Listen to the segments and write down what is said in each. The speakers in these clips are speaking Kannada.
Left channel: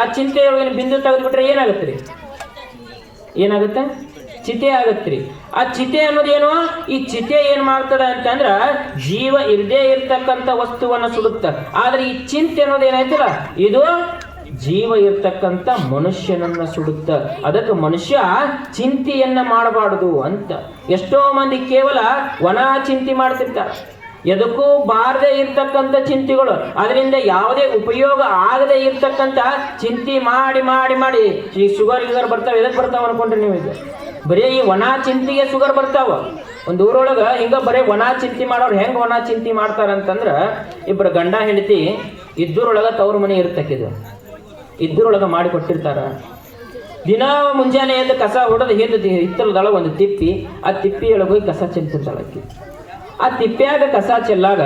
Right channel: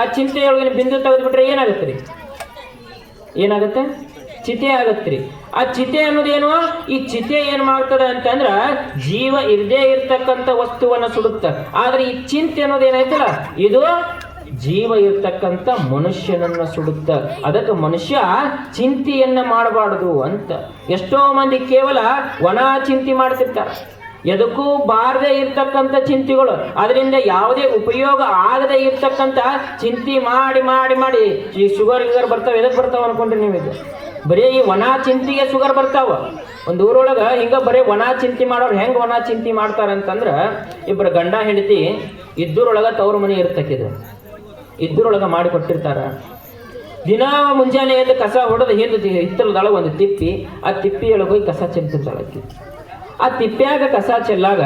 ಆ ಚಿಂತೆಯೊಳಗಿನ ಬಿಂದು ತೆಗೆದುಬಿಟ್ರೆ ಏನಾಗುತ್ತೆ ರೀ ಏನಾಗುತ್ತೆ? ಚಿತೆ ಆಗತ್ರಿ ಆ ಚಿತೆ ಏನು ಈ ಚಿತೆ ಏನ್ ಮಾಡ್ತದ ಅಂತಂದ್ರ ಜೀವ ಇರದೇ ಇರತಕ್ಕಂತ ವಸ್ತುವನ್ನ ಸುಡುತ್ತ. ಆದ್ರೆ ಈ ಚಿಂತೆ ಅನ್ನೋದು ಏನಾಯ್ತಲ್ಲ ಇದು ಜೀವ ಇರ್ತಕ್ಕಂಥ ಮನುಷ್ಯನನ್ನ ಸುಡುತ್ತ. ಅದಕ್ಕೆ ಮನುಷ್ಯ ಚಿಂತೆಯನ್ನ ಮಾಡಬಾರದು ಅಂತ. ಎಷ್ಟೋ ಮಂದಿ ಕೇವಲ ವನ ಚಿಂತೆ ಮಾಡ್ತಿರ್ತಾರೆ. ಎದಕ್ಕೂ ಬಾರದೆ ಇರ್ತಕ್ಕಂಥ ಚಿಂತೆಗಳು. ಅದರಿಂದ ಯಾವುದೇ ಉಪಯೋಗ ಆಗದೆ ಇರ್ತಕ್ಕಂಥ ಚಿಂತೆ ಮಾಡಿ ಮಾಡಿ ಮಾಡಿ. ಈ ಶುಗರ್ ಗಿಗರ್ ಬರ್ತಾವ ಎದಕ್ಕೆ ಬರ್ತಾವ ಅನ್ಕೊಂಡ್ರಿ ನೀವು ಇದು ಬರೀ ಈ ಒಣ ಚಿಂತೆಗೆ ಶುಗರ್ ಬರ್ತಾವ. ಒಂದು ಊರೊಳಗೆ ಹಿಂಗ ಬರೀ ಒಣ ಚಿಂತೆ ಮಾಡೋರು ಹೆಂಗ್ ಒಣ ಚಿಂತೆ ಮಾಡ್ತಾರಂತಂದ್ರ ಇಬ್ಬರು ಗಂಡ ಹೆಂಡತಿ ಇದ್ದರೊಳಗೆ ತವ್ರ ಮನೆ ಇರ್ತಕ್ಕಿದ್ರು ಇದ್ದರೊಳಗೆ ಮಾಡಿ ಕೊಟ್ಟಿರ್ತಾರ. ದಿನ ಮುಂಜಾನೆ ಎದ್ದು ಕಸ ಹೊಡೆದು ಹಿಂದೆ ಹಿತ್ತಲದೊಳಗೆ ಒಂದು ತಿಪ್ಪಿ, ಆ ತಿಪ್ಪಿಯೊಳಗೆ ಹೋಗಿ ಕಸ ಚೆಲ್ತಿರ್ತಾಳಕ್ಕಿ ಆ ತಿಪ್ಪ್ಯಾಗ ಕಸ ಚೆಲ್ಲಾಗ,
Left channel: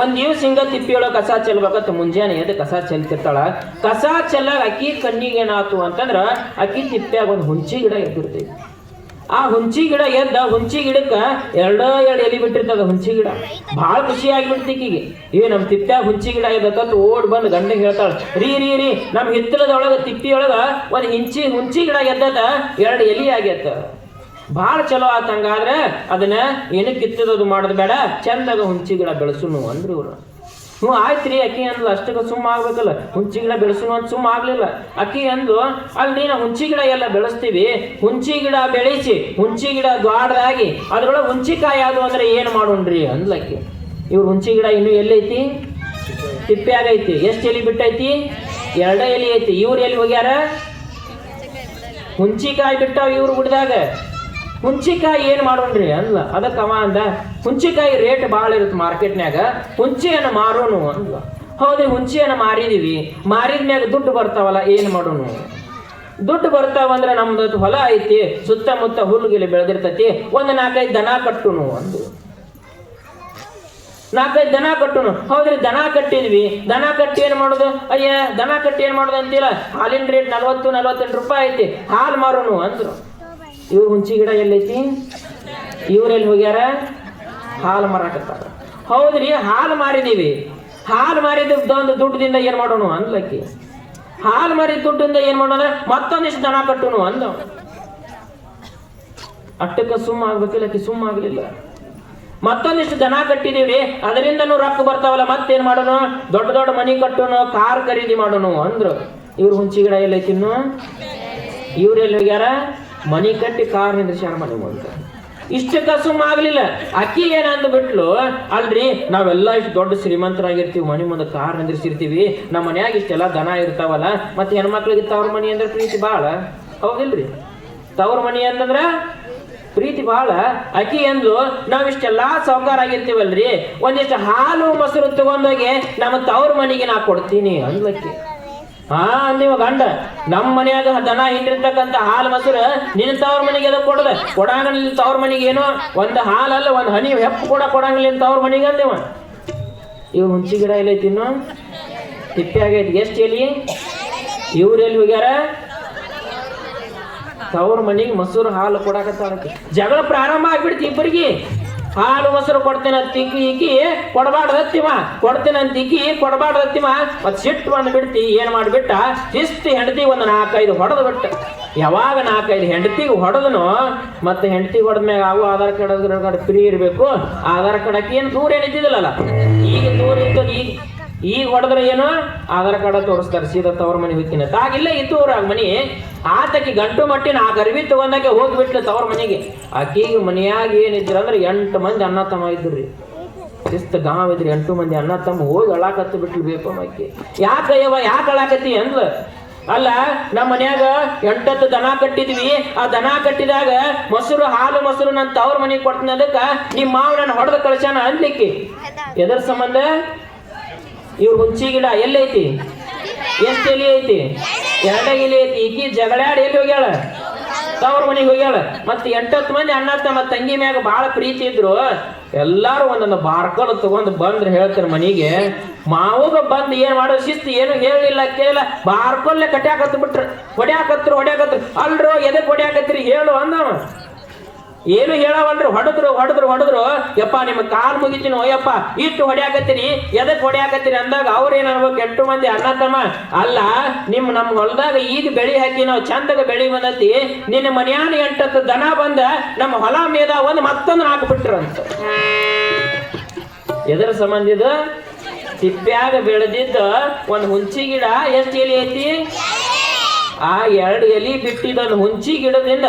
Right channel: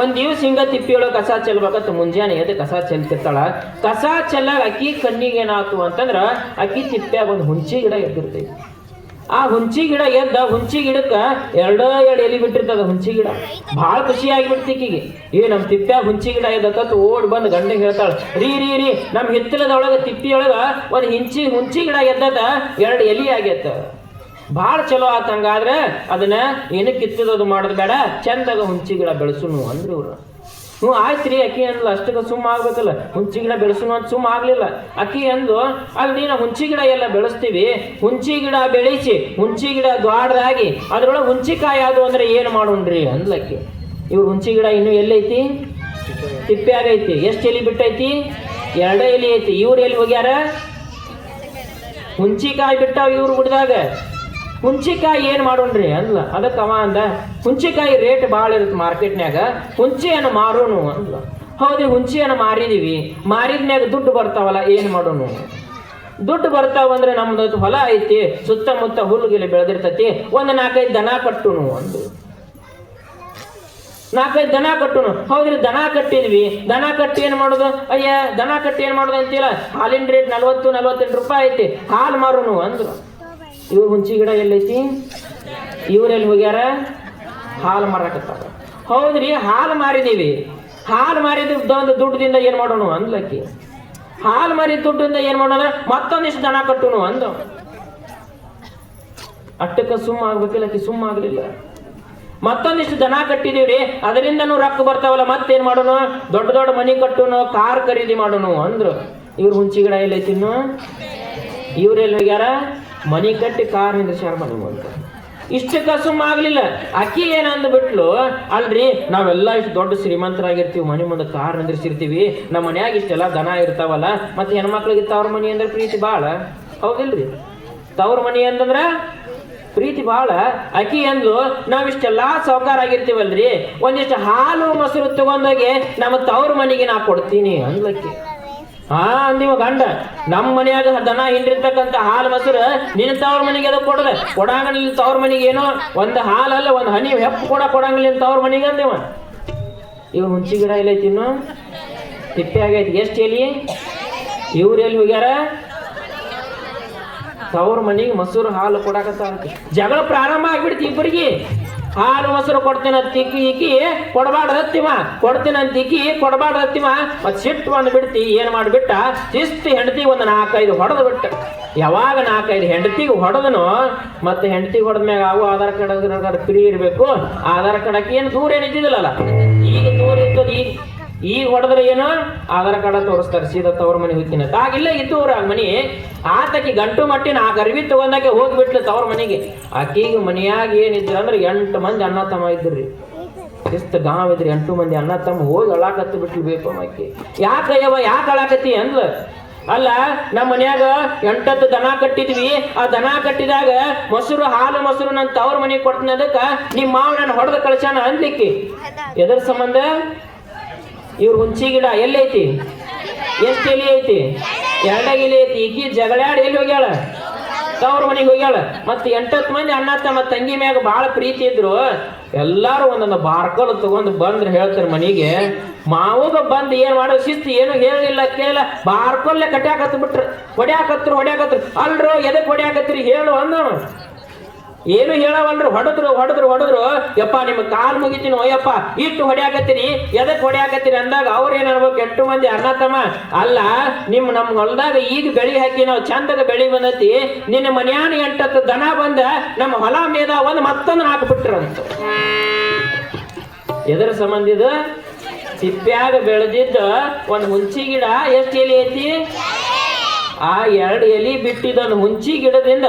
ಒಂದ್ ದಿವ್ಸ ಹಿಂಗ ತಿಪ್ಪಿಯೊಳಗ ಕಸ ಚೆಲ್ಬೇಕಂತ ಮುಂಜಾನೆ ಎದ್ದು ಕಸ ಚೆಲ್ತಿರ್ತಾಳ. ಕಸ ಚೆಲ್ಲಾಗ ಅಕ್ಕಿ ಕಣ್ಣಿಗೆ ಏನಾಯ್ತು ಅಂತಂದ್ರ ಅಕ್ಕಿ ತಿಪ್ಪ್ಯಾಗ ಒಂದು ಹುಂಚಿ ಗಿಡ ಎದ್ದಿರ್ತೈತಿ. ಆ ಹುಂಚಿ ಗಿಡ ಎದ್ದ, ಹುಂಚಿ ಗಿಡಕ್ಕ ಎರಡ ಎರಡು ಎಲಿ ಬಿಟ್ಟಿರ್ತದ ಹುಂಚಿ ಗಿಡ. ಭಾಳ ಖುಷಿ ಆಗಿಬಿಡ್ತಿಕ್ಕಿಗೆ ಏ ನಮ್ಮ ತಿಪ್ಪ್ಯಾಗ ಹುಂಚಿ ಗಿಡ ಎದ್ದಕ್ಕಂತ ಓಡ್ ಬಂದು ಗಂಡಗೆ ಹೇಳ್ತಾಳ, ರೀ ರೀ ರೀ ನಮ್ಮ ಹಿತ್ತಲದೊಳಗ ತಿಪ್ಪಿಯೊಳಗ ಒಂದು ಹಿಂಚಿ ಹುಂಚಿ ಗಿಡ ಎದ್ದದ, ಎರಡು ಎಲಿ ಆಗೈತ ಭಾಳ ಚಲೋ ಆತ ಹಂಗಾದ್ರೆ ಅದನ್ನ ಏನು ಕಿತ್ತದದು ಮಾಡೋದು ಬೇಡ. ಚಂದಾಗ ಹುಂಚಿ ಗಿಡ ಬೆಳೆಸುನು ಅಂದ್ರೆ ಇವರು. ಹ್ಞೂ ಆಯ್ತು ರೀ ಅಕ್ಕಿ ಅಂದ್ಲು, ಅಷ್ಟಕ್ಕೆ ಸುಮ್ಮ ಆಗ್ಬೇಕಲ್ಲ. ಹುಂಚಿ ಗಿಡ ಬೆಳೆಸುನು ಅಂತ ಸುಮ್ಮ ಆಗ್ಲಿಲ್ಲ. ಅಕ್ಕಿ ಅಂದು, ಅಲ್ಲಿ ನೀನು ಹುಂಚಿ ಗಿಡ ಎಲ್ಲ ಬೆಳೆಸ್ತೀವಿ. ಹುಂಚಿ ಗಿಡ ಬೆಳೆಸಿ, ಹುಂಚಿ ಗಿಡ ದ್ವಾಡದಾಗಿ ಅದ್ರೊಳಗೆ ಹುಂಚಿಕಾಯಿ ಆದ್ರು ಅಂದ್ರೆ ಏನು ಮಾಡೋಣ್ರಿ ಅಂದ್ಲಕ್ಕಿ. ಇವ್ರು ಹುಂಚಿ ಗಿಡ ಇನ್ನೂ ಎಲ್ಲೈತಿ ತಿಪ್ಪೆ ಆಗೈತಿ ಎಷ್ಟು ಎಲೆ ಬಿಟ್ಟೈತಿ? ಎರಡ ಎಲೆ ಐತಿ. ಇವ್ರು ಎಲ್ಲಿ ಹೋಗ್ಯಾರ? ಹುಂಚಿಕಾಯಿ ಬಿಟ್ಟಾವ ಇವ್ರು ಗುಡ್ದಾಗ. ಹುಂಚಿಕಾಯಿ ಏನು ಮಾಡೋಣ್ರಿ? ಅಲ್ಲ, ಅದಕ್ಕೆ ಅವ ಅಂದ, ಹುಂಚಿಕಾಯಿ ರೇಟ್ ಭಾಳ ಇರುತ್ತೆ ಮಾರ್ಕೆಟ್ನ್ಯಾಗ ಹುಂಚಿಯನ್ನು ಮಾರೋನು ಅಂದ್ಲ. ಹೌದು, ಹುಂಚಿಯನ್ನು ಮಾರಿದೀವಿ. ಮಾರಿದ್ಮ್ಯಾಗ ದುಡ್ಡು ಬರ್ತಾವಲ್ಲ, ಏನು ಮಾಡೋನು? ದುಡ್ಡು ಬರ್ತಾವ ಅಂದ್ರೆ ನಮ್ದು ಹೊಲ ಐತಿ, ಸುತ್ತಮುತ್ತ ಹುಲ್ಲುಗಿಲಿ ಬೆಳೆದಿರ್ತತಿ, ಒಂದು ನಾಲ್ಕೈದು ದನ ಕಟ್ಟುನು ಅಂದ್ರು ನಾಲ್ಕೈದು ದನ ಕಟ್ಟುನು. ಹೌದ್ರಿ, ದನ ಕಟ್ಟಿದ್ವಿ. ದನ ಕಟ್ಟಿ ಏನು ಮಾಡೋದು? ಅಯ್ಯ, ದನ ಕಟ್ಟಿ ಏನು ಮಾಡೋದು ಅಂತೀರ ಹಾಲಿನ ರೇಟ್ ನಲ್ವತ್ತು, ನಲ್ವತ್ತೆಂಟು ರೂಪಾಯಿ ಐತಿ, ಹಾಲು ಮಾರೋನು ಅಂದ್ರು ಇವ್ರ ಹುಂಚಿ ಗಿಡ ಎಲ್ಲೈತಿ? ಇವ್ರೆಲ್ಲಿ ಹೋಗ್ಯಾರ? ಹಾಲು ಮಾರಾಕತ್ತಾರ. ಹೌದ್ರಿ, ಹಾಲು ಮಾರಿದೀವಿ. ಹಾಲು ಮಾರಿದ ದುಡ್ಡಿಂದ ಏನ್ ಮಾಡೋಣ ಅಂದ್ಲಕ್ಕಿ ಹಾಲು ಮಾರಿದ ದುಡ್ಡಿಂದ ಏನ್ ಮಾಡೋಣ? ಮತ್ತೊಂದಿಷ್ಟು ದಣ ಕಟ್ಟುನು ಅಂದ ಅಟ್ಟಕ್ಕ ಸುಮ್ಮ ಆಗ್ಬೇಕಿಲ್ಲ ಲಕ್ಕಿ ಸುಮ್ಮ ಆಗ್ಲಿಲ್ಲ. ಮತ್ತೊಂದಿಷ್ಟು ದನ ಕಟ್ಟಿದೀವಿ ಅದರಿಂದನೂ ರೊಕ್ಕ ಬರ್ತಾವಲ್ಲ, ಮತ್ತೇನ್ ಮಾಡೋಣ? ದೊಡ್ಡ ದೊಡ್ಡ ಮನಿ ಕಟ್ಟೋಣ, ಕಾರ್ ಖರೀದಿ ಮಾಡೋಣ ಅಂದ್ರು. ಇವ್ರ ಹುಂಚಿ ಗಿಡ ಎಲ್ಲೈತಿ ಇನ್ನು? ಇವ್ರೆಲ್ಲಿ ಹೋಗ್ಯಾರ? ಮನಿ ಕಟ್ಟಿ ಕಾರ್ ನಿಂದ್ರಿಸ್ಯಾರ ಮನೆ ಮುಂದೆ ಇಷ್ಟು ಸುಮ್ಮ ಆಗ್ಲಿಲ್ಲ. ಅಕ್ಕಿ ಏನಂದ ಬಿಟ್ಲು, ಅಲ್ರಿ, ನಾವೆಲ್ಲ ಇಷ್ಟು ದೊಡ್ಡ ಶ್ರೀಮಂತರಾಗಿರ್ತೀವಿ, ಮನೆ ಮುಂದೆ ಕಾರ್ ನಿಂದ್ರಿಸಿರ್ತೀವಿ ನಮ್ಮ ಮನ್ಯಾಗ ಇಷ್ಟೆಲ್ಲ ದನ ಇರ್ತಾವಲ್ಲ, ಮತ್ತೆ ಹೆಣ್ಮಕ್ಳಿಗೆ ತವ್ರ ಮನೆ ಅಂದ್ರೆ ಪ್ರೀತಿ ಬಾಳ. ಹೌದಿಲ್ರಿ. ತವ್ರ ಮನೆ ಅಂತಂದ್ರ ಪ್ರೀತಿ ಬಾಳ. ಅಕ್ಕಿ ಅಂದ್ಲು ನಾವಿಷ್ಟೆಲ್ಲಾ ಸೌಕಾರ ಆಗಿರ್ತೀವಲ್ರಿ. ಒಂದಿಷ್ಟು ಹಾಲು, ಮೊಸರು ತಗೊಂಡೋಗಿ ನಮ್ಮ ತವ್ರ ಮನೆಗೆ ನಾ ಕೊಡ್ತೀನಿ ಅಂದ್ಲಕ್ಕಿ ಹಾ, ನೀವು ಗಂಡ ನಮ್ಮ ಮನೆಯಾಗ ದನ ಹಿಂಡಿರ್ತಕ್ಕಂತ ಹಾಲು ಮೊಸರು ನಿನ್ನ ತವ್ರ ಮನೆಗೆ ಎದಕ್ ಕೊಡದ? ಕೊಡಂಗಿಲ್ಲ ತವ್ರ ಮನೆಗೆ ಏನೋ ಒಂದು ಹಾಲಲ್ಲ ಒಂದು ಹನಿ ಹೆಪ್ಪು ಕೂಡ ಕೊಡಂಗಿಲ್ಲ ತವ್ರ ಮನೆಗೆ ಅಂದೇವ ಇವ್. ಹುಂಚಿ ಗಿಡ ಇಲ್ಲ ತಿನ್ನು ತಿಪ್ಪೆ ಆಗೈತಿ. ಎಷ್ಟು ಎಲ್ಲಿ ಇವ್ರು ಎಲ್ಲಿ ಹೋಗ್ಯಾರ? ತವ್ರ ಮನೆಗೆ ಮೊಸರು ಹಾಲು ಕೊಡಕತ್ತ. ಜಗಳ ಪ್ರಾರಂಭ ಆಗ್ಬಿಡ್ತಿ ಇಬ್ಬರಿಗೆ ಹಾಲು ಮೊಸರು ಕೊಡ್ತೇನೆ ತಿಕ್ಕಿ ಇಕ್ಕಿ ಕೊಡಬಾರ್ದು ಅತ್ತಿಮ ಕೊಡ್ತೇನೆ ಅಂತ ಇಕ್ಕಿ ಕೊಡಬಾರ್ದು ಅತ್ತಿಮ ಮತ್ ಸಿಟ್ಟು ಬಂದು ಬಿಡ್ತಿ, ಏನು ಮಾಡ್ಬಿಟ್ಟ? ಶಿಸ್ತು ಹೆಂಡತಿ ಒಂದು ನಾಲ್ಕೈದು ಹೊಡೆದು ಬಿಟ್ಟು. ಯಾವಾಗ ನಾಲ್ಕೈದು ಹೆಂಡತಿ ಹೊಡೆದನು, ಮತ್ತೆ ಹೆಂಡತಿ ಹೊಡೆದ್ಮ್ಯಾಗ ಅವು ಆಧಾರ್ ಕಾರ್ಡ್ ಫ್ರೀ ಇರಬೇಕು. ಆಧಾರ್ ಕಾರ್ಡ್ ಹಾಕಿ ಏನು ದೂರ ಏನಿದ್ದಿದ್ದಿಲ್ಲಲ್ಲ ಈಗ ದೂರ ಇತ್ತು ಈಗ ಈಗ ಹೊಡೆದ್ರೆ ಏನು? ಆಧಾರ್ ಕಾರ್ಡ ತೋರಿಸ್ತಾರೆ ಸೀದಾ ತವ್ರ ಮನೆ ಹೋಗ್ತೀನಿ ಆಗಿಲ್ಲ ಇತ್ತು ಅವ್ರ ಮನಿ ಆತಕಿ ಗಂಟು ಮಟ್ಟಿನ ಆ ಗರ್ವಿ ತಗೊಂಡಾಗೆ ಹೋಗ್ಬಿಟ್ಲು ತವ್ರ ಮನೆಗೆ. ಆಕಿಗೆ ಮನೆಯಾಗ ಏನಿದ್ರು ಅಂದ್ರೆ ಎಂಟು ಮಂದಿ ಅಣ್ಣ ತಮ್ಮ ಇದ್ರಿ ಶಿಸ್ತು ಗಾಂವ್ ಇದ್ರಿ ಎಂಟು ಮಂದಿ ಅಣ್ಣ ತಮ್ಮ ಹೋಗಿ ಅಳಾಕತ್ತು ಬಿಟ್ಲು ಬೇಕು ಆಕೆ. ಯಾಕ ಅಯ್ಯವ ಯಾಕೆ ಅಳಾಕತ್ತಿ ಅಂದ್ಲ? ಅಲ್ಲ ನಮ್ಮ ಮನ್ಯಾಗ ಎಂಟತ್ತು ದನ ಕಟ್ಟಿದ್ವಿ. ಆ ದನ ಕಟ್ಟಿದಾಗ ಮೊಸರು ಹಾಲು ಮೊಸರು ನನ್ನ ತವ್ರ ಮನೆಗೆ ಕೊಡ್ತೀನಿ ಅದಕ್ಕೆ. ನಿಮ್ಮ ಮಾವ ನನ್ನ ಹೊಡೆದ ಕಳಿಸ್ಯಾನ ಅನ್ಲಿಕ್ಕೆ ಎದ್ರ ಸಂಬಂಧ? ಇವ್ರ ಹುಂಚಿ ಗಿಡ ಎಲ್ಲೈತಿ ಎಷ್ಟು ಎಲೆ ಐತಿ? ಎರಡ ಎಲೆ ಐತಿ. ಈಕಿ ಜಗಳಾಡಿ ಎಲ್ಲಿ ಹೋಗ್ಯಾಳ? ತವ್ರ ಮನೆಗೆ ಹೋಗ್ಯಾಳ. ಮತ್ತೆ ಎಂಟತ್ತು ಮಂದಿ ಅಣ್ಣ, ತಮ್ಮ, ತಂಗಿ ಮ್ಯಾಗ ಬಹಳ ಪ್ರೀತಿ ಇದ್ರು. ಎಲ್ಲಾರು ಒಂದೊಂದು ಬಾರ್ಕೊಂಡು ತಗೊಂಡು ಬಂದ್ರೆ ಹೇಳ್ತಾರೆ ಮನೆಗೆ. ಮಾವುಗ ಬಂದು ಏನ್ ಮಾಡೋ ಶಿಸ್ತು ಏನು ಹೇಳಿಲ್ಲ ಕೇಳಿಲ್ಲ. ಬಾರ್ಕೊಲ್ಲೇ ಕಟ್ಯಾಕತ್ ಬಿಟ್ರು ಹೊಡ್ಯಾಕತ್ರು ಹೊಡ್ಯಾಕತ್ರು. ಅಲ್ರೋ, ಎದಕ್ ಹೊಡ್ಯಾಕತ್ರಿ? ಹೇಳು ಅಂದವ ಏನು ಹೇಳವಲ್ರಿ? ಹೊಡೆದ್ರು ಹೊಡೆದ್ರು ಹೊಡೆದ್ರು. ಯಪ್ಪ ನಿಮ್ಗೆ ಕಾಲ್ ಮುಗಿತೀನಿ, ಓಯಪ್ಪ. ಇಟ್ಟು ಹೊಡ್ಯಾಕತ್ತೀನಿ, ಎದಕ್ ಹೊಡ್ಯಾಕತ್ತೀನಿ ಅಂದಾಗ ಅವ್ರ ಏನ್ ಅನ್ಬೇಕು ಎಂಟು ಮಂದಿ ಅಣ್ಣ ಅಲ್ಲ, ನಿಮ್ ನಮ್ ಹೊಲದಾಗ ಈಗ ಬೆಳಿ ಹಾಕಿ, ನಾವು ಚಂದದ ಬೆಳಿ ಬಂದತಿ. ನಿನ್ನ ಮನ್ಯಾನ ಎಂಟತ್ತು ದನ ಬಂದ, ನಮ್ಮ ಹೊಲ ಮೇದ ಒಂದು ಮತ್ತೊಂದು ಹಾಕ್ಬಿಟ್ರಂತ ಎದರ ಸಂಬಂಧಿದ ಸಿಪ್ಪ್ಯಾಗ ಬೆಳೆದಿದ್ದ ಒಂದ್ ಹುಂಚಿ ಗಿಡ ಎಷ್ಟು ಎಲಿ ಐತಿ? ಆ ಎರಡು ಎಲಿ ಬಿಟ್ಟಿದ್ದನ್ನು ಹುಂಚಿ ಗಿಡದಿಂದ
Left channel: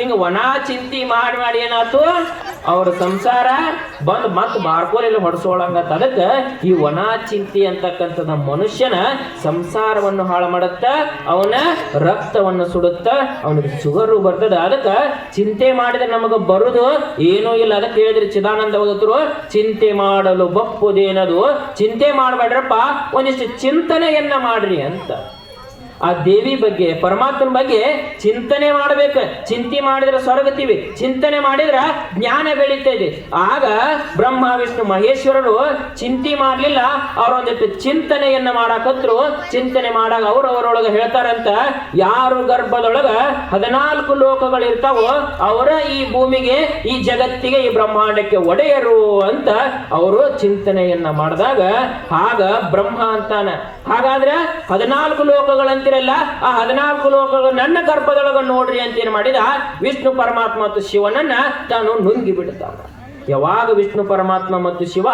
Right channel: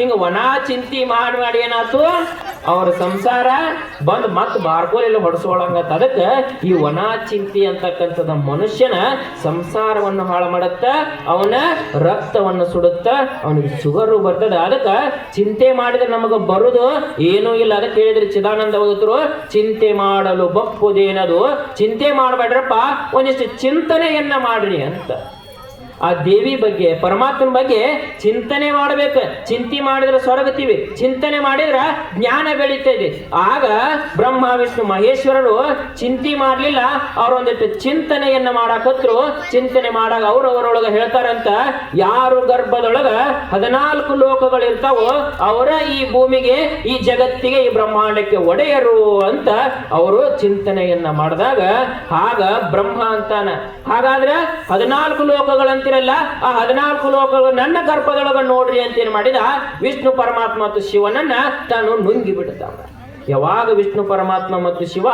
ಹಿಂಗ ಒಣ ಚಿಂತಿ ಮಾಡಿ ಮಾಡಿ ಏನಾಯ್ತು? ಅವ್ರ ಸಂಸಾರ ಬಂದ್ ಮತ್ ಬಾರ್ಕೋಲೆಲ್ಲ ಹೊಡ್ಸೋಳಂಗತ್ತ ಅದಕ್ಕ ಈ ಒಣ ಚಿಂತಿ ಅಂತಕ್ಕಂಥದ ಮನುಷ್ಯನ ಸಂಸಾರವನ್ನು ಹಾಳು ಮಾಡುತ್ತ, ಅವನ ರಕ್ತವನ್ನು ಸುಡುತ್ತ, ಅವನಿಗೆ ಶುಗರು ಬರ್ತದ. ಅದಕ್ಕ ಚಿಂತೆ ಮಾಡಿದ್ರೆ ನಮಗ ಬರುದು? ಏನೂ ಇಲ್ಲ. ಅದಕ್ಕೆ ಹೇಳಿದ್ರೆ ಚಿದಾನಂದ ಓದ್ರು ಚಿಂತೆ ಮಾಡಲು ಬಪ್ಪುದೇನದು? ಚಿಂತೆ ಮಾಡಬೇಡ್ರಪ್ಪ. ಒಂದಿಷ್ಟು ಚಿಂತನೆಯನ್ನ ಮಾಡ್ರಿ ಅಂತ. ಆ ದೇವಿ ಬಗ್ಗೆ, ಪರಮಾತ್ಮನ ಬಗ್ಗೆ ಚಿಂತನೆ ಮಾಡಬೇಕು. ಚಿಂತೆ ಮಾಡಿದ್ರೆ ಸ್ವರ್ಗತೀವಿ, ಚಿಂತನೆ ಮಾಡಿದ್ರ ಜ್ಞಾನ ಬೆಳೀತದೆ ಆಗ ಬ್ರಹ್ಮ, ವಿಷ್ಣು, ಮಹೇಶ್ವರರು ಚಿಂತೆ ಮಾಡ್ಲಿಲ್ಲ. ಅವರೊಂದಿಟ್ಟು ಚಿಂತನೆಯನ್ನ ಮಾಡಾಕತ್ರು ಚಿಂತನೆ ಮಾಡಾಗ ಅವ್ರು ಅವರೊಳಗ ಹೇಳ್ತಾರಂತ, ಯಾರು ಗರ್ಭದೊಳಗ ಹದಿನಾಲ್ಕು ಲೋಕಗಳಿರ್ತಾವೋ ಅವರ ಈ ಭೂಮಿಗೆ, ಈ ಜಗತ್ತಿಗೆ, ಈ ಬ್ರಹ್ಮಾಂಡಕ್ಕೆ ಒಡೆಯರು ಅಂತ ಅವರು ಚಿಂತನೆಯನ್ನ ಮಾಡಿದಾಗ, ಆಗ ಬ್ರಹ್ಮ ಅಂತಾನ. ಹಾಗಾದ್ರೆ ಹದಿನಾಲ್ಕು ಲೋಕಗಳಂತಿರಲ್ಲ ಆ ಹದಿನಾಲ್ಕು ಲೋಕಗಳು ನನ್ನ ಗರ್ಭದೊಳಗ ನೋಡ್ರಿ ಅಂತ ಏನ್ ಮಾಡಿದ, ವಿಷ್ಣು ಪರಮಾತ್ಮ ಮತ್ತು ಶಿವನನ್ನ ತಾನು ನುಂಗಿ ಬಿಡ್ತಾನ. ಯಾವಾಗ ವಿಷ್ಣು ಪರಮಾತ್ಮ ಮತ್ತು ಶಿವ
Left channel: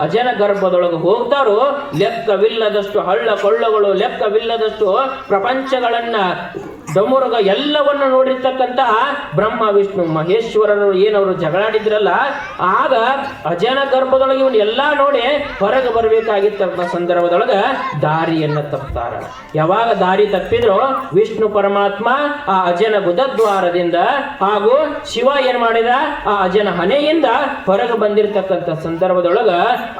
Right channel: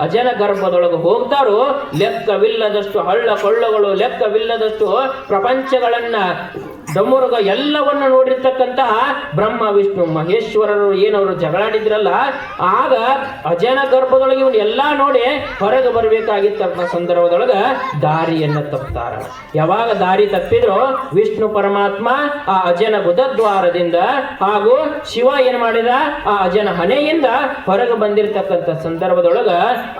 ಅಜನ ಗರ್ಭದೊಳಗೆ ಹೋಗ್ತಾರೋ, ಲೆಕ್ಕವಿಲ್ಲದಷ್ಟು ಹಳ್ಳ ಕೊಳ್ಳಗಳು, ಲೆಕ್ಕವಿಲ್ಲದಷ್ಟು ಪ್ರಪಂಚಗಳನ್ನ ಡಮುರುಗ ಎಲ್ಲವನ್ನು ನೋಡಿರ್ತಕ್ಕಂತಹ ಬ್ರಹ್ಮ, ವಿಷ್ಣು, ಮಹೇಶ್ವರರು ಏನವರು ಜಗಳಾಡಿದ್ರಲ್ಲ, ಆಗ ಅಜನ ಗರ್ಭದೊಳಗೆ ಇವನು ಎಲ್ಲಾ ನೋಡಿ ಹೊರಗೆ ಬರಬೇಕಾಗಿತ್ತ ಸಂದರ್ಭದೊಳಗ ದಾರಿಯನ್ನ ತಪ್ತಾರ. ಯಾವಾಗ ದಾರಿ ತಪ್ಪಿದ್ರು ವಿಷ್ಣು ಪರಮಾತ್ಮ ಆ ಅಜನ ಗುದದ್ವಾರದಿಂದ ಹಾಗೂ ಶಿವ ಏನ್ ಮಾಡಿದ? ಆ ಅಜನ ಹನೆಯಿಂದ ಹೊರಗೆ ಬಂದಿರತಕ್ಕಂಥ ಸಂದರ್ಭದೊಳಗ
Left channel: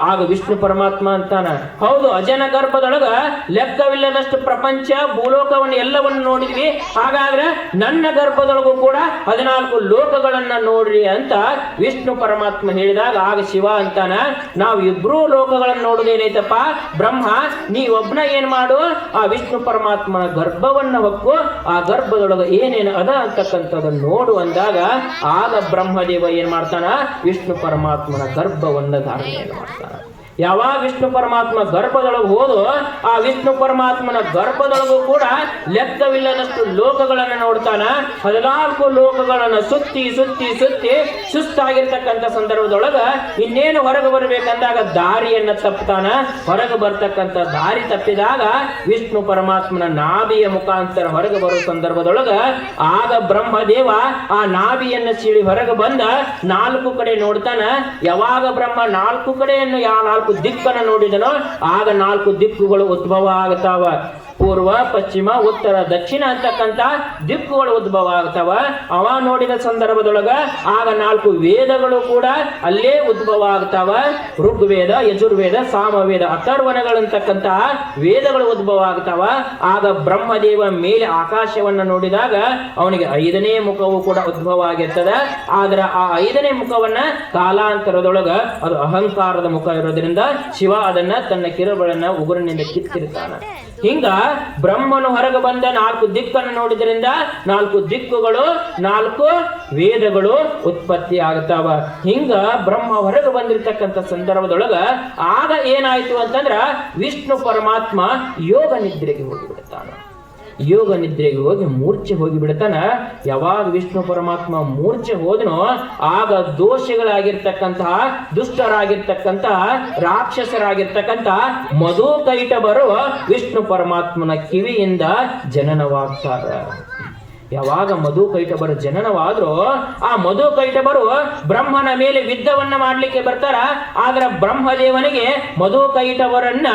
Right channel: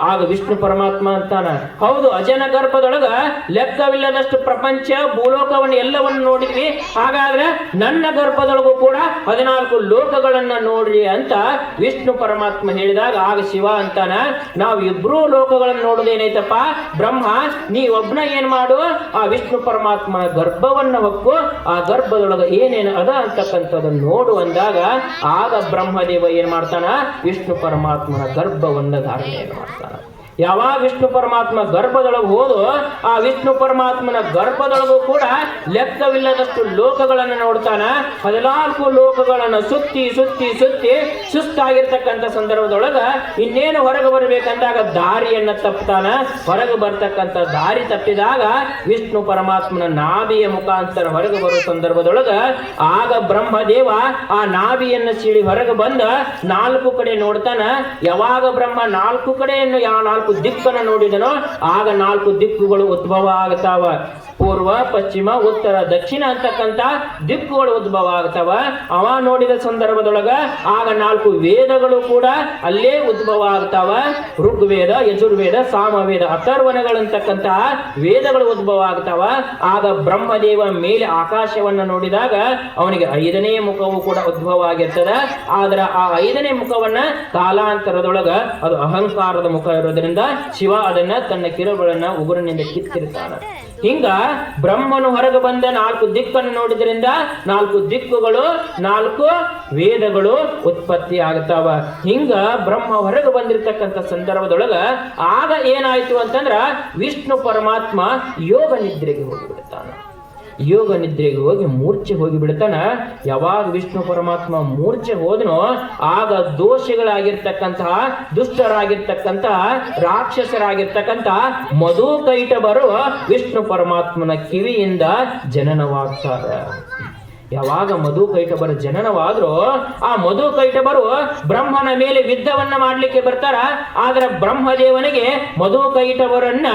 ಆಗ ವಿಷ್ಣು ಪರಮಾತ್ಮ ಅಂತಾನ. ಹೌದು, ಅಜನ ಗರ್ಭದೊಳಗ ಲೆಕ್ಕವಿಲ್ಲದಷ್ಟು ಪ್ರಪಂಚ ಭೂಲೋಕವನ್ನು ಎಲ್ಲವನ್ನು ನೋಡಿದ್ವಿ. ಹಾಗಾದ್ರೆ ನನ್ನ ಗರ್ಭದೊಳಗೂ ಕೂಡ ಹದಿನಾಲ್ಕು ಲೋಕಗಳನ್ನ ನೋಡ್ರಿ ಅಂತ ವಿಷ್ಣು ಪರಮಾತ್ಮ ಹೇಳಿದಾಗ, ಆಗ ಶಿವ ಅಂತಾನ, ನಾವು ಇಬ್ರು ಲೋಕಗಳನ್ನ ನೋಡುದೇನೈತಪ್ಪ ಬ್ರಹ್ಮ, ನೀ ಒಬ್ನ ಏನ್ ಮಾಡು? ಆ ವಿಷ್ಣು ಪರಮಾತ್ಮನ ಗರ್ಭವನ್ನ ಒಪ್ಪು. ಆ ಗರ್ಭದೊಳಗ ಏನೇನು ಅದ ಅಂತಕ್ಕಂಥದ್ದನ್ನು ನೋಡು ಅಂದಾಗ, ಆಗ ಬ್ರಹ್ಮದೇವ ಏನ್ ಮಾಡ್ತಾನ? ವಿಷ್ಣು ಪರಮಾತ್ಮನ ಗರ್ಭವನ್ನ ಧಾರಣೆಯನ್ನು ಮಾಡ್ತಾನ. ಯಾವಾಗ ವಿಷ್ಣು ಪರಮಾತ್ಮ ಗರ್ಭದೊಳಗೆ ಹೋದೋ ಆ ವಿಷ್ಣು ಪರಮಾತ್ಮನ ಗರ್ಭದೊಳಗೂ ಕೂಡ ಲೆಕ್ಕವಿಲ್ಲದಷ್ಟು ಲೋಕಗಳನ್ನು ನೋಡ್ತಾನ. ಹದಿನಾಲ್ಕು ಲೋಕಗಳನ್ನ ಸುತ್ತಿ ಸುತ್ತಿ ಸುತ್ತಿ ಸುಸ್ತಾಗಿರ್ತಕ್ಕಂಥ ಸಂದರ್ಭದೊಳಗ ಇನ್ನೇನು ಹೊರಗೆ ಬರಬೇಕಂದಾಗ ದಾರಿಯನ್ನ ತಪ್ಪತಾನ ಹೊರಗೆ ಬರ್ತಕ್ಕಂಥ ದಾರಿ ತಪ್ಪಿದಾಗ ವಿಷ್ಣು ಪರಮಾತ್ಮನ ನಾಭಿಯ ಮುಖಾಂತರ ಹೊರಗೆ ಬರೋ ಸಂದರ್ಭದೊಳಗ ಆಗ ಬ್ರಹ್ಮದೇವ ಆ ನಾಭಿಯನ್ನ ಸೀಳಿ ಹೊರಗೆ ಬಂದ ನಾಲ್ಕು ಕಡೆ ನೋಡ್ತಾನ. ಯಾವಾಗ ಬ್ರಹ್ಮ ನಾಲ್ಕು ಕಡೆಯನ್ನು ಯಾವ ದಿಕ್ಕನ್ನು ನೋಡಿದನೋ ಆಗ ನಾಲ್ಕು ದಿಕ್ಕುಗಳು ಉದ್ಭವ ಆಗ್ತಾವ. ಪೂರ್ವ, ಪಶ್ಚಿಮ, ಉತ್ತರ, ದಕ್ಷಿಣ ಅಂತಕ್ಕಂಥ ದಿಕ್ಕುಗಳು ಉದ್ಭವ ಆಗ್ತಾವ. ಅವ ನೋಡಿದ ಸಂದರ್ಭದೊಳಗ ಆಗ ನಾಲ್ಕು ವೇದಗಳು ಕೂಡ ಅಲ್ಲೇ ಉದ್ಭವ ಆಗ್ತಾವ. ಋಗ್ವೇದ, ಯಜುರ್ವೇದ, ಸಾಮವೇದ ಅಥರ್ವಣಗಳಂತಕ್ಕಂತಹ ವೇದಗಳು ಉದ್ಭವ ಆಗ್ತಾವ. ಆಗ ಬ್ರಹ್ಮದೇವನ ಮೇಲೆ ಆಕಾಶವನ್ನ ನೋಡಿದಾಗ ಅವನಿಗೆ ಐದನೇ ಮುಖವು ಕೂಡ ಉದ್ಭವ ಆಗಿರ್ತದ. ಆದ್ರೆ ಆ ಐದನೇ ಮುಖವನ್ನ ಕಾಲಾಂತರದೊಳಗ ಅದು ಅಹಂಕಾರದ ಮುಖ ಇರೋದ್ರಿಂದ ಶಿವ ಅದನ್ನ ತನ್ನ ಕಿರುಗಳನ್ನ ಉಗುರಿನಿಂದ ಕಿತ್ತಿರ್ತಾನ. ಹಿಂಗ ಬ್ರಹ್ಮನು ಹೊರಗೆ ಬಂದ ನಾಲ್ಕು ದಿಕ್ಕನ್ನು ನೋಡಿದ್ರಿಂದ ನಾಲ್ಕು ದಿಕ್ಕುಗಳು, ನಾಲ್ಕು ವೇದಗಳು ಉತ್ಪತ್ತಿ ಆಗ್ತಾವ. ಹಿಂಗ ಬ್ರಹ್ಮ ಹೊರಗೆ ಬಂದಿರತಕ್ಕಂಥ ಸಂದರ್ಭದೊಳಗ ಆಗ ಏನಾಯ್ತು ಅಂತಂದ್ರ ವಿಷ್ಣು ಪರಮಾತ್ಮ ಯೋಗ ನಿದ್ರೆಗೆ ಹೋಗಿಬಿಡ್ತಾನ. ಯೋಗ ನಿದ್ರೆಗೆ ಹೋಗಿ ಮೂರ್ಛೆ ಹೋಗಿ ಬಿಡ್ತಾನ ಯಾವಾಗ ವಿಷ್ಣು ಪರಮಾತ್ಮ ಮೂರ್ಛೆ ಹೋದನೋ, ಆಗ ದೋಷಗಳಾಗಿರ್ತಕ್ಕಂತಹ ದುಷ್ಟರಾಗಿರ್ತಕ್ಕಂತಹ ರಾಕ್ಷಸರಾಗಿರ್ತಕ್ಕಂತಹ ಮಧು ಕೈಟ ಬರುವ ವಿಷ್ಣು ಪರಮಾತ್ಮನ ಕಿವಿಯಿಂದ ಜನನವಾಗ್ತಾರ. ಯಾವಾಗ ಮಧು ಕೈಟಬರ ಜನನವಾದ್ರೂ, ಆ ಮಧು ಕೈಟಬರು ಬ್ರಹ್ಮನ ಮೇಲೆ ಯುದ್ಧವನ್ನ ಮಾಡ್ಲಿಕ್ಕೆ ಬರ್ತಾರ. ಆದ್ರೆ ಬ್ರಹ್ಮದೇವನಿಗೆ ಮಧು ಕೈಟವರನ್ನ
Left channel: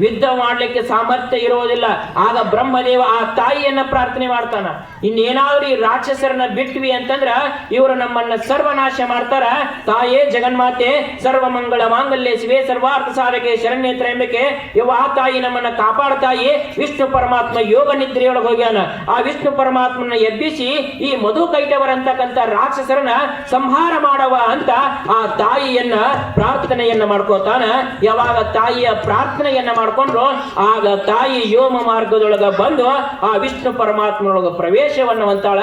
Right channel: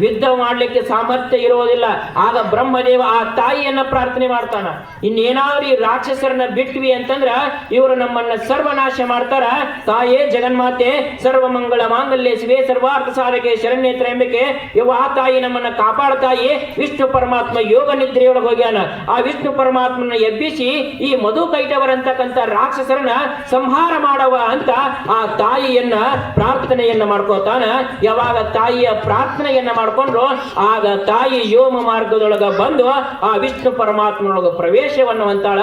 ಯುದ್ಧ ಮಾಡ್ಲಿಕ್ಕೆ ಸಾಮರ್ಥ್ಯ ಇರೋದಿಲ್ಲ. ಆಗ ಬ್ರಹ್ಮದೇವ ಆ ತಾಯಿಯನ್ನ ಪ್ರಾರ್ಥನೆ ಮಾಡ್ತಾನ. ಇನ್ನೇನಾದ್ರೂ ಈ ರಾಕ್ಷಸರನ್ನ ಬಿಟ್ವಿ ಅಂತಂದ್ರ ಇವರು ನಮ್ಮನ್ನ ಸರ್ವನಾಶ ಮಾಡ್ತಾರ. ತಾಯೇ ಜಗನ್ಮಾತೆ, ಸರ್ವ ಮಂಗಳ ಮಾಂಗಲ್ಯ ಶಿವೆ, ಸರ್ವಾರ್ಥ ಸಾಧಕೆ, ಶರಣ್ಯ ತ್ರಯಂಬಕೆ ಆ ತಾಯಿ ನಮ್ಮನ್ನ ಕಾಪಾಡ್ತಾಯಿ. ವಿಷ್ಣು ಪರಮಾತ್ಮ ಯೋಗ ನಿದ್ರೆಯೊಳಗೆ ಹೋಗ್ಯಾನ. ಆ ವಿಷ್ಣು ಪರಮಾತ್ಮನ ಎಬ್ಬಿಸಿ ಈ ಮಧು ಕೈಟವರಂತಕ್ಕಂಥ ರಾಕ್ಷಸರನ್ನ ಸಂಹಾರ ಮಾಡವ ಅಂತ ಆ ತಾಯಿಯನ್ನ ಪ್ರಾರ್ಥನೆಯನ್ನ ಮಾಡ್ಕೋತಾನ. ಯಾವಾಗ ತಾಯಿಯ ಪ್ರಾರ್ಥನೆಯನ್ನ ಮಾಡ್ಕೊಂಡ್ರು, ಆಗ ತಾಯಿ ಯೋಮ ಮಾರ್ಗದೊಳಗ ಬಂದು ಆ ವಿಷ್ಣು ಪರಮಾತ್ಮನೊಳಗ ಪ್ರವೇಶವನ್ನ ಅಂತಾಳ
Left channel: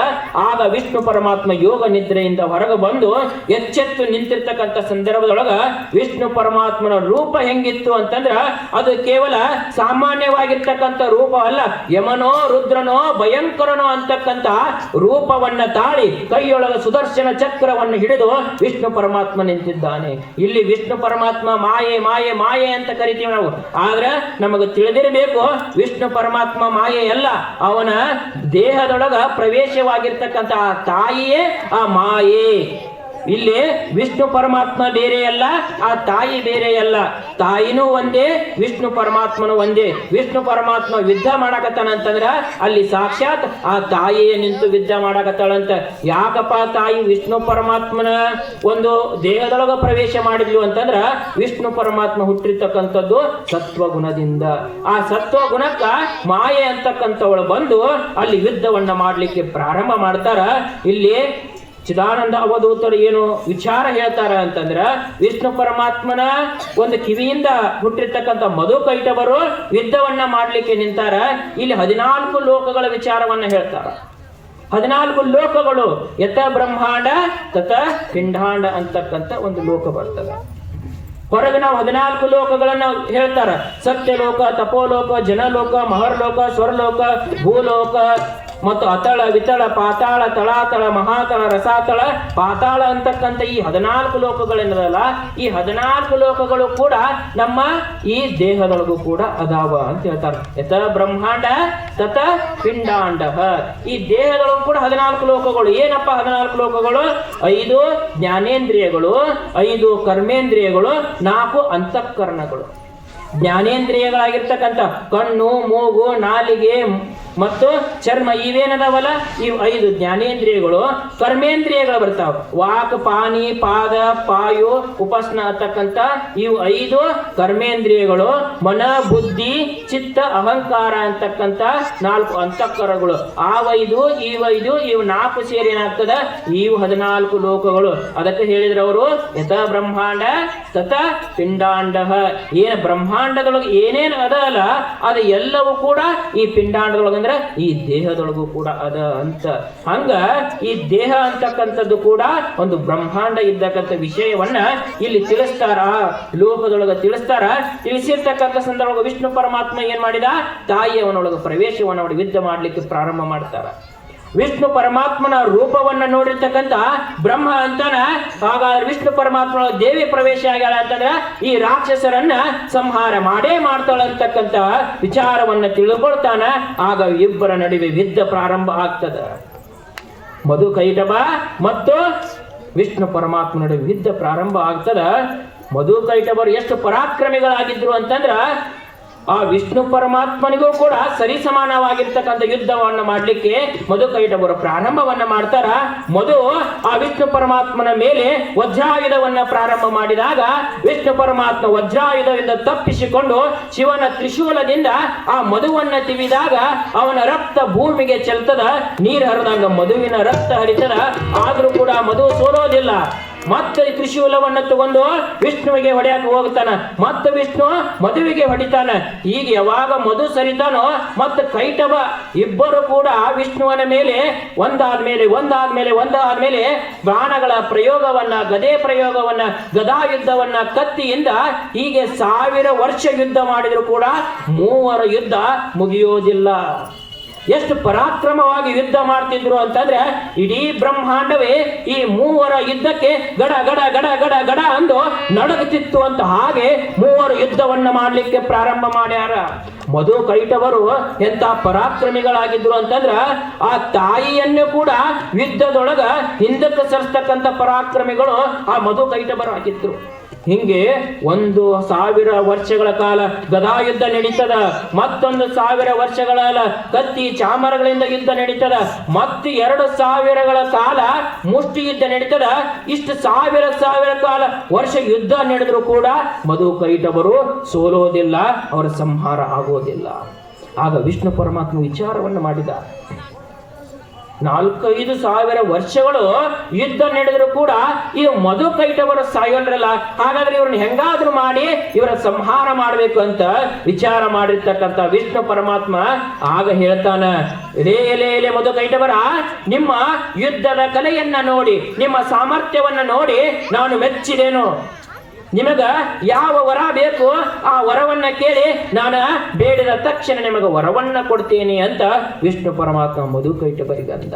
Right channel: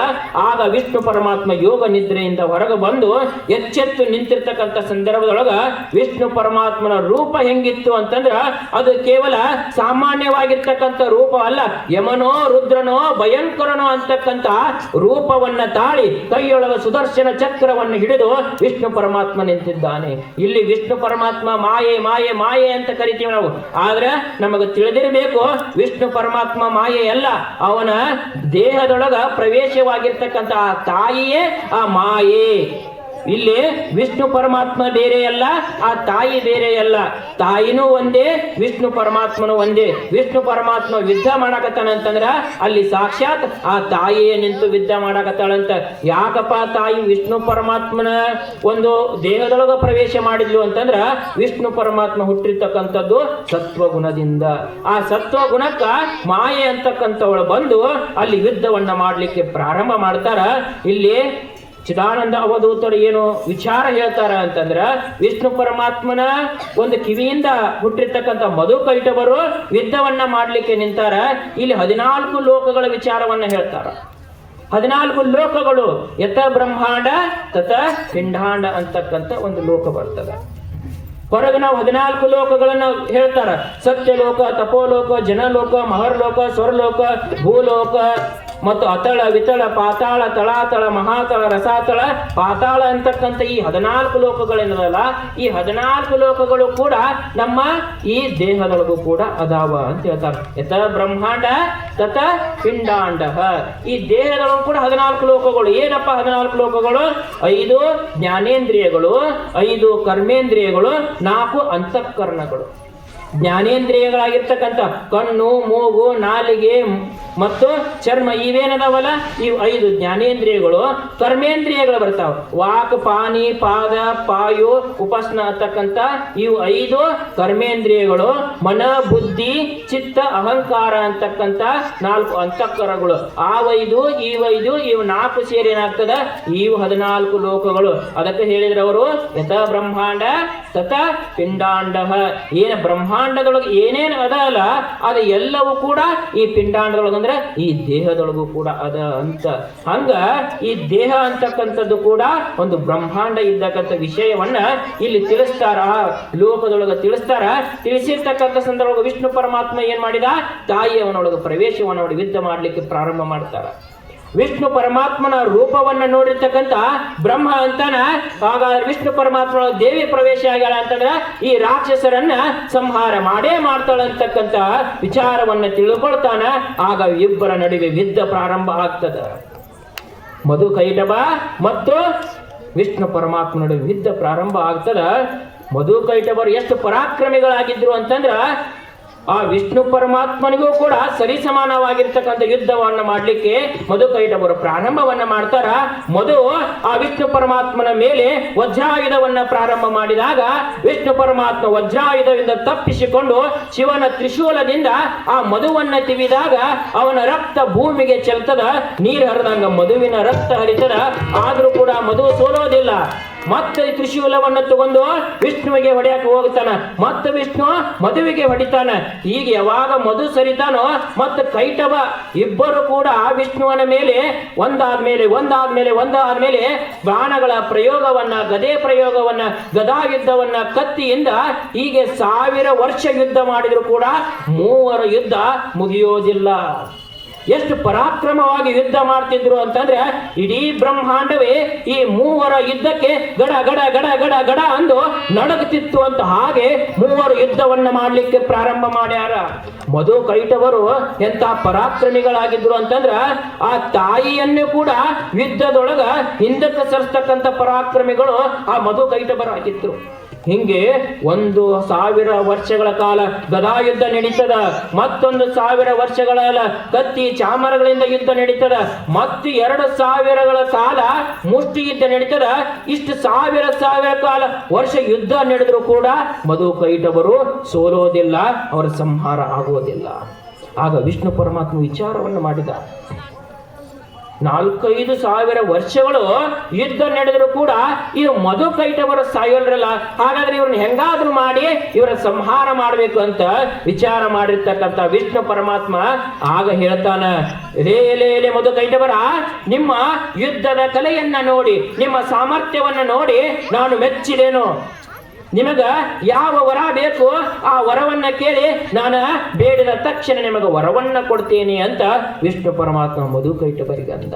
ಆಗ ವಿಷ್ಣು ಪರಮಾತ್ಮ ಯೋಗ ನಿದ್ರೆಯಿಂದ ಹೊರಗೆ ಬಂದು ಎಚ್ಚೆತ್ತು ನಿಂತಿರ್ತಕ್ಕಂಥ ಸಂದರ್ಭದೊಳಗ ವಿಷ್ಣು ಪರಮಾತ್ಮನ ರೂಪ ಹೆಂಗಿತ್ತು ಅಂತಂದ್ರ ಅದು ಕೇವಲ ಸಾಮಾನ್ಯವಾಗಿರ್ತಕ್ಕಂಥ ರೂಪ ಅಲ್ಲ. ಯಮನೋ, ರುದ್ರನೋ, ಭಯಂಕರನೋ ಅಂತಕ್ಕಂಥ ರೂಪವನ್ನ ತಾಳಿ ಕೈಯೊಳಗ ಸುದರ್ಶನ ಚಕ್ರವನ್ನು ಹಿಡಿದು ವಿಷ್ಣು ಪರಮಾತ್ಮ ನಿಂತಿದ್ದಾನೆ. ಇಲ್ಲಿ ವಿಷ್ಣು ಪರಮಾತ್ಮ ಮಾಯೆ ಮಾಯೆ ಮಾಯೆ ಅಂತ ಕರಿತೀವಿ ನಾವು. ಆದ್ರೆ ನಮಗೆ ತಿಳಿದಿರಬೇಕು, ವಿಷ್ಣು ಪರಮಾತ್ಮ ಮಾಯೆ ಅಲ್ಲ. ಅವನ ದೇಹದೊಳಗ ಪ್ರವೇಶವಾಗಿರ್ತಕ್ಕಂಥ ಆ ತಾಯಿಯೇ ಆ ಮಾಯೆ. ಇಲ್ಲಿ ವಿಷ್ಣು ಪರಮಾತ್ಮ ಬೇರೆ ಅಲ್ಲ, ಆ ತಾಯಿ ಬೇರೆ ಅಲ್ಲ. ತಾಯಿನೂ ಒಂದೇ, ವಿಷ್ಣು ಪರಮಾತ್ಮನ ಒಂದೇ. ವಿಷ್ಣು ಪರಮಾತ್ಮ ಯುದ್ಧ ಅಂತಂದ್ರ ಅಲ್ಲಿ ಸಾಕ್ಷಾತ್ ಆ ತಾಯಿಯೇ ನಿಂತು ಯುದ್ಧ ಮಾಡಕತ್ತಾಳಂತ. ಯಾಕಪ್ಪ ತಾಯಿ ವಿಷ್ಣು ಪರಮಾತ್ಮನ ಒಂದು ದೇಹದೊಳಗ ಪ್ರವೇಶ ಮಾಡಿದ್ಲು ಅಂತಂದ್ರ ವಿಷ್ಣು ಪರಮಾತ್ಮ ಹುಟ್ಟಿರ್ತಕ್ಕಂಥದ್ದು ಸತ್ವಗುಣದಿಂದ. ಆ ಸತ್ವಗುಣಕ್ಕ ಮಾಯೆ ಅಂತಕ್ಕಂಥವಳು ಬಂದು ಅಲ್ಲಿ ಯುದ್ಧವನ್ನ ಮಾಡ್ಲಿಕ್ಕೆ ಪ್ರಾರಂಭ ಮಾಡ್ತಾರ. ಇಲ್ಲಿ ಚಿದಾನಂದ ಅವಧೂತರು ಏನು ವಿಚಾರ ಹೇಳ್ತಾರ ಅಂತಂದ್ರ ವಿಷ್ಣು ಪರಮಾತ್ಮನ ಒಂದು ಕಿವಿಯಿಂದ ಹುಟ್ಟಿರ್ತಕ್ಕಂಥ ಮಧು ಕೈಟವರು ಯುದ್ಧವನ್ನ ಮಾಡ್ಲಿಕ್ಕೆ ನಿಂತಾರ. ಇಲ್ಲಿ ಹದಿನಾಲ್ಕು ಲೋಕಗಳ ವಿಚಾರವನ್ನ ಹೇಳ್ತಾರ. ಹದಿನಾಲ್ಕು ಲೋಕಗಳು, ಯಥ ಬ್ರಹ್ಮಾಂಡ, ತಥ ಪಿಂಡಾಂಡ ಅಂತಕ್ಕಂಥ ಒಂದು ಲೋಕ ಬರ್ತದೆ. ಹೊರಗೆ ನಾವು ಹದಿನಾಲ್ಕು ಲೋಕಗಳನ್ನು ಹೇಳ್ತಾರ. ಸತ್ಯಲೋಕ, ತಪೋಲೋಕ, ಜನಲೋಕ, ಮಹರ್ಲೋಕ, ಸ್ವರ್ಲೋಕ, ಭೂಲೋಕ ಮತ್ತು ಅತಳ, ವಿತಳ, ಪಾತಾಳ, ತಳಾತಳ, ಮಹಾತಳ, ರಸಾತಳ. ಪಾತಾಳ ಅಂತಕ್ಕಂಥ ಈ ಹದಿನಾಲ್ಕು ಲೋಕಗಳೇನದಲ್ಲ ಈ ಹದಿನಾಲ್ಕು ಲೋಕಗಳು ಕೂಡ ನಮ್ಮ ಈ ದೇಹದೊಳಗೂ ಕೂಡ ಅದಾವ ಅಂತ ಹೇಳ್ತಾರೆ. ಯಥ ಬ್ರಹ್ಮಾಂಡ, ತಥ ಪಿಂಡಾಂಡ ಈ ದೇಹದೊಳಗೂ ಕೂಡ ಹದಿನಾಲ್ಕು ಲೋಕಗಳು. ಏನಪ್ಪ ಹದಿನಾಲ್ಕು ಲೋಕಗಳು? ಐದು ಜ್ಞಾನೇಂದ್ರಿಯಗಳು, ಐದು ಕರ್ಮೇಂದ್ರಿಯಗಳು ನಾಲ್ಕು ಅಂತಃಕರಣಗಳು. ಜ್ಞಾನೇಂದ್ರಿಯಗಳಾಗಿರ್ತಕ್ಕಂಥ ಕಣ್ಣು ಮೂಗು ನಾಲಿಗೆ ಮತ್ತು ಚರ್ಮ ಇವೇನದವಲ್ಲ? ಇವು ಐದು ಜ್ಞಾನೇಂದ್ರಿಯಗಳು, ಕರ್ಮೇಂದ್ರಿಯಗಳು ಬರ್ತಾವ. ವಾಕ್, ಪಾನಿ, ಪಾದ, ಪಾಯು, ಉಪಾಸನ ಅಂತಕ್ಕಂಥ ಇವು ಐದು ಕರ್ಮೇಂದ್ರಿಯಗಳು, ಮನ, ಬುದ್ಧಿ, ಚಿತ್ತ, ಅಹಂಕಾರ ಅಂತಕ್ಕಂಥ ನಾಲ್ಕು ಅಂತಃಕರಗಳು. ಈ ವೈದು ಇವು ನಾಲ್ಕು ಸೇರಿ ಏನಾಗ್ತದ? ಇವು ಹದಿನಾಲ್ಕು ಲೋಕಗಳು. ಅದಕ್ಕೆ ಹೇಳಿದ್ರವರು ಯಥ ಬ್ರಹ್ಮಾಂಡ ತಥ ಪಿಂಡಾಂಡ. ಏನ ಬ್ರಹ್ಮಾಂಡದೊಳಗೆ ಏನೇನು ಅದ ಅಲ್ಲ ಅದು ಎಲ್ಲವೂ ಕೂಡ ಈ ಪಿಂಡಾಂಡದೊಳಗೆ ಅಂದ್ರೆ ಈ ದೇಹದೊಳಗೂ ಕೂಡ ಅದ ಅಂತ. ಹಂಗ ಈ ದೇಹ ಅಂತಕ್ಕಂಥದ್ದು ಕೂಡ ಒಂದು ಬ್ರಹ್ಮಾಂಡ ಇದ್ದಕ್ಕಂಥ ವಿಷಯವನ್ನ ಇಲ್ಲಿ ತಿಳಿಸ್ತಾರ. ಲೋಕದೊಳಗ ತಿಳಿಸ್ತಾರ. ತಿಳಿಸಿರ್ತಕ್ಕಂಥ ಸಂದರ್ಭ ವಿಷ್ಣು ಪರಮಾತ್ಮ ಏನ್ ಮಾಡಿದ? ತಾಯಿಯವನೊಳಗ ಪ್ರವೇಶವನ್ನು ವಿದ್ಯೆ ಮಾಡ್ಲಿಕ್ಕೆ ಪ್ರಾರಂಭ ಮಾಡ್ತಾರ. ವಿಷ್ಣು ಪರಮಾತ್ಮನ ರೂಪವನ್ನ ನೋಡಿರ್ತಕ್ಕಂಥ ಬ್ರಹ್ಮ ಅಂತಾನ, ಆಗ ವಿಷ್ಣು ಪರಮಾತ್ಮನ ದೇವಿ ಪ್ರವೇಶ ಆಗ್ಯಾಳ ಅಂತಂದ್ರ ಈ ರಾಕ್ಷಸರನ್ನ ಸಂಹಾರ ಮಾಡೇ ಮಾಡ್ತಾಳಂತಕ್ಕಂತ ವಿಚಾರವನ್ನ ತಿಳ್ಕೊಳ್ತಾನ. ಆಗ ಇಬ್ಬರ ನಡುವೆ ಯುದ್ಧ ಪ್ರಾರಂಭ ಆಗ್ತದ. ಮಧು ಕೈಟಬ ಮತ್ತು ವಿಷ್ಣು ಪರಮಾತ್ಮ ನಡುವೆ ಯುದ್ಧ ಪ್ರಾರಂಭ ಆಗ್ತದ. ಮಧು ಕೈಟವರು ಎಷ್ಟು ಪರಾಕ್ರಮಿಗಳಾಗಿದ್ರು ಅಂತಂದ್ರ ಆ ವಿಷ್ಣು ಪರಮಾತ್ಮನಿಗೂ ಕೂಡ ಸರಿಸಮಾನವಾಗಿರ್ತಕ್ಕಂಥ ಯುದ್ಧವನ್ನ ಮಾಡ್ಲಿಕ್ಕೆ ಮಧು ಕೈಟವರು ಪ್ರಾರಂಭವನ್ನ ಮಾಡ್ತಾರ. ಮಧು ಆ ವಿಷ್ಣು ಪರಮಾತ್ಮನ ಮೇಲೆ ವಜ್ರಾಯುಧವನ್ನ ಪ್ರಾರಂಭ ಮಾಡಿದಾಗ ವಿಷ್ಣು ಪರಮಾತ್ಮ ವಜ್ರಾಯುಧದಿಂದ ತಪ್ಪಿಸಿಕೊಂಡು ಶಿವನ ತ್ರಿಶೂಲದಿಂದ ಆ ಮಧುವನ್ನ ತಿವಿದಾಗ ಅವನ ರಕ್ತ ಭೂಮಿಗೆ ಚೆಲ್ತದ. ನೀರು ಹರಿದಂಗ ಮಧುವಿನ ರಕ್ತ ಹರಿತದ. ಆದ್ರೂ ಕೂಡ ಮಧು ಸೋಲೋದಿಲ್ಲ. ಮತ್ತೆ ಕೃಷಿ ಹೊಲವನ್ನು ತಗೊಂಡು ವಿಷ್ಣುವಿಗೆ ಹೊಡೆಯಕ್ಕೆ ಹೋಗ್ತಾನ ಮತ್ತೆ ವಿಷ್ಣು ಮದುವೆಗೆ ಹೊಡಿತಾನೆ. ಈಗ ಯಾವಾಗ ಮಧು ಸರಿತಾನೋ ಮತ್ತೆ ಕೈಟವ ಇಬ್ಬರು ಕೂಡ ವಿಷ್ಣುವನ ಮೇಲೆ ಒಂದಾದ್ಮೇಲೆ ಒಂದಾದ್ಮೇಲೆ ಒಂದಾದ್ಮೇಲೆ ಬಾಣಗಳ ಪ್ರಯೋಗವನ್ನ, ಗದೆ ಪ್ರಯೋಗವನ್ನ ಗದಾ ಯುದ್ಧವನ್ನ ಕತ್ತಿಯಿಂದ ಹೀಗೆ ಸಾವಿರ ವರ್ಷ ಯುದ್ಧ ಮಾಡಿದ್ರು ಕೂಡ ಮೂವರ ಯುದ್ಧ ಮುಗಿಯೋದಿಲ್ಲ. ಎಷ್ಟು ಪರಾಕ್ರಮವಾಗಿ ಯುದ್ಧ ಮಾಡ್ತಿದ್ರು ಅಂತಂದ್ರೆ ಇಡೀ ಬ್ರಹ್ಮಾಂಡವೇ ಈ ಮೂವರ ಯುದ್ಧಕ್ಕೆ ಗಡ ಗಡ ಗಡ ಗಡ ಗಡ ಅಂದು ನಡಗುತ್ತಿತ್ತು ಅಂತ ಹಾಗೆ ಮೂವರು ಯುದ್ಧವನ್ನು ಮಾಡಲಿಕ್ಕೆ ಪ್ರಾರಂಭ ಮಾಡ್ಯಾರ. ಮಧು ಕೈಟವರು ಎಂತ ಪರಾಕ್ರಮಿಗಳಾಗಿದ್ರು ಅಂತಂದ್ರ ಆ ತಾಯಿಯನ್ನೇ ಕೂಡ ಯುದ್ಧದೊಳಗ ಹಿಂದಕ್ಕೆ ಸರಿಸ್ತಕ್ಕಂಥ ಪರಾಕ್ರಮಿಗಳು ಆ ಮಧು ಕೈಟವರಾಗಿದ್ರು. ಹಿಂಗೆ ಒಂದು ಸಾವಿರ ವರ್ಷಗಳ ಕಾಲ ಗದಾ ಯುದ್ಧ ನಡೀತದ, ಮತ್ತೊಂದು ಸಾವಿರ ವರ್ಷಗಳ ಕತ್ತಿ ಚಾಮರಗಳಿಂದ ಯುದ್ಧ ನಡೀತದ, ಮತ್ತು ಎರಡು ಸಾವಿರಗಳ ಕಾಲ ಮುಷ್ಟಿ ಯುದ್ಧ ನಡೀತದ, ಇಷ್ಟು ಸಾವಿರ ಸಾವಿರ ಕಾಲ ವರ್ಷ ಯುದ್ಧ ನಡೆದ್ರು ಕೂಡ ಮಧು ಕೈಟವರು ಸೋಲೋದಿಲ್ಲ, ಅವರ ಸಂಹಾರ ಆಗೋದಿಲ್ಲ. ಆಗ ವಿಷ್ಣು ಪರಮಾತ್ಮ ವಿಚಾರವನ್ನು ಮಾಡಿದ. ನಾಲ್ಕೈದು ಸಾವಿರ ವರ್ಷಗಳು ಯುದ್ಧ ನಡೆದರೂ ಕೂಡ ಈ ಮಧು ಕೈಟವರು ಸಾಯೋಲ್ರಲ್ಲ. ಹಾಗಾದ್ರೆ ಇವ್ರನ್ನ ಹೆಂಗಾದ್ರೂ ಮಾಡಿ ಇವರ ಸಂಹಾರ ಮಾಡಬೇಕು ಅಂತ ವಿಚಾರ ಮಾಡಿರ್ತಕ್ಕಂಥ ವಿಷ್ಣು ಪರಮಾತ್ಮ ಆಗ ಹೇಳ್ತಾನ ಎಲೆ ಎಲೆ ಎಲೆ ಮಧು ಕೈಟವರ, ನಿಮ್ಮ ಯುದ್ಧದ ಕಲೆಯನ್ನ ನೋಡಿ, ನಿಮ್ಮ ಸಾಮರ್ಥ್ಯವನ್ನ ನೋಡಿ ನಾನು ಮೆಚ್ಚಿದೇನು. ನಿಮಗ ಯಾವ ವರ ಬೇಕು ಆ ವರವನ್ನ ಕೇಳಿ ನಾನು ಬೇಡಿದ ತಕ್ಷಣ ನಿಮಗೆ ವರವನ್ನ ಕೊಡ್ತೀನಿ ಅಂತ ವಿಷ್ಣು ಪರಮಾತ್ಮ ಮಧು ಕೈಟವರಿಗಂದ